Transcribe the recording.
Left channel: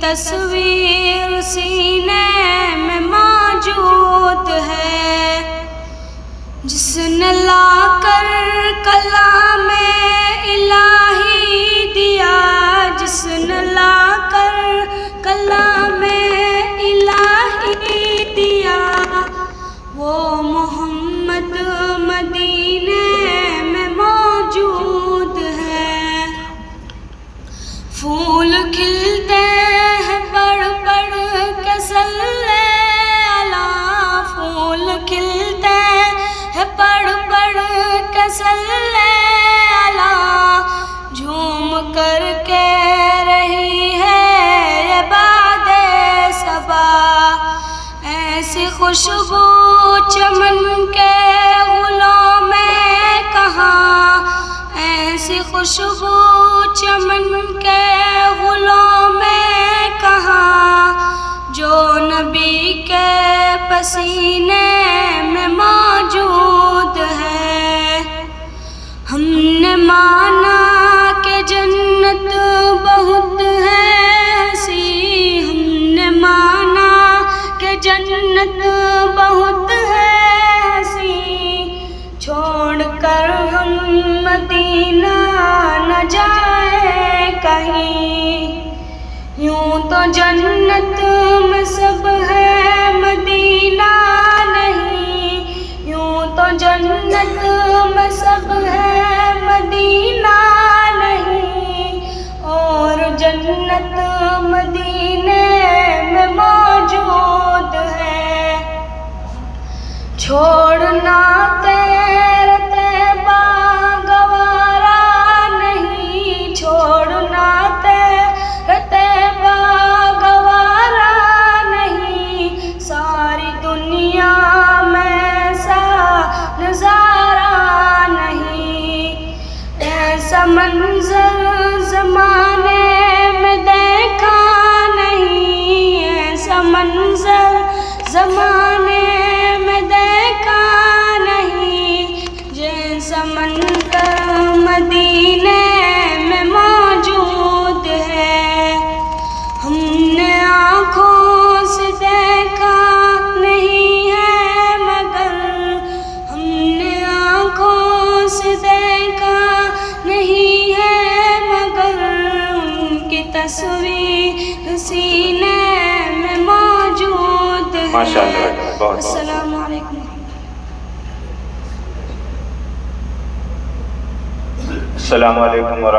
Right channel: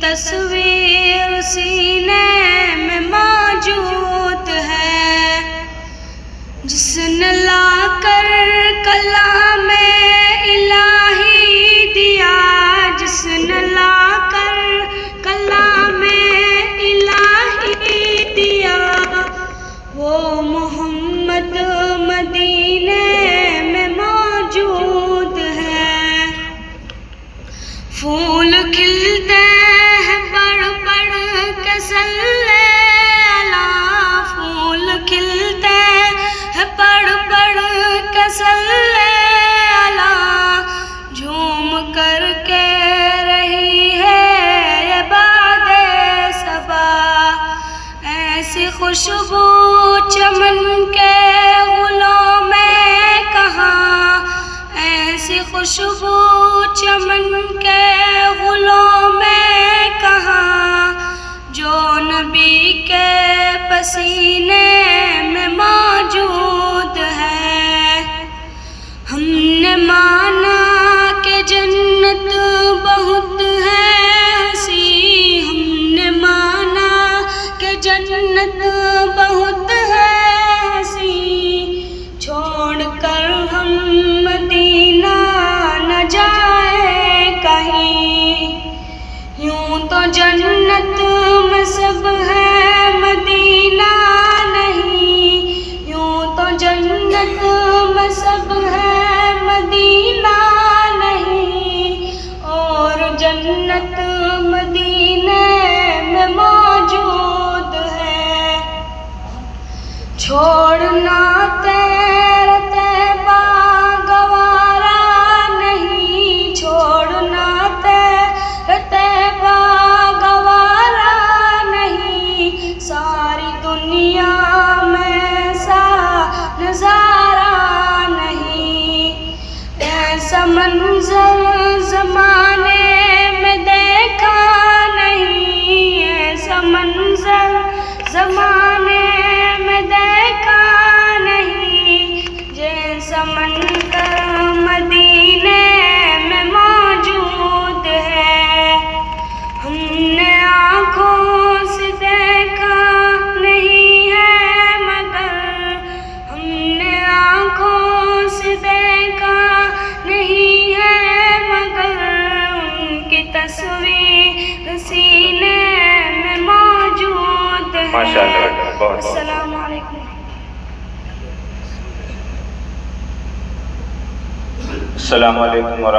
تصویر سینے میں موجود ہے، جس نے لا کر کلام الہی دیا، جس نے لا کر کلام الہی دیا، وہ محمد مدینے میں موجود ہے۔ پھول کھلتے ہیں پڑھ پڑھ کے صلی اللہ، پھول کھلتے ہیں پڑھ پڑھ کے صلی اللہ، جھوم کر کے رہی ہے یہ باد صبا، ایسی خوشبو چمن کے گلوں میں کہاں، ایسی خوشبو چمن کے گلوں میں کہاں، جو نبی کے پسینے میں موجود ہے۔ ہم نے مانا کہ جنت بہت ہے حسین، ہم نے مانا کہ جنت بہت ہے حسین، چھوڑ کر ہم مدینہ نہ جائیں کہیں، یوں تو جنت میں سب ہے مدینہ نہیں، یوں تو جنت میں سب ہے مدینہ نہیں، اور جنت مدینے میں موجود ہے۔ چھوڑنا تیرے طیبہ گوارا نہیں، چھوڑنا تیرے طیبہ گوارا نہیں، ساری دنیا میں ایسا نظارہ نہیں، ایسا منظر زمانے میں دیکھا نہیں، ایسا منظر زمانے میں دیکھا نہیں، جیسا منظر مدینے میں موجود ہے۔ ہم نے آنکھوں سے دیکھا نہیں ہے مگر، ہم نے آنکھوں سے دیکھا نہیں ہے مگر، ان کی تصویر سینے میں موجود ہے۔ ماشاءاللہ، بہت السلام علیکم۔ السلام علیکم ورحمۃ اللہ۔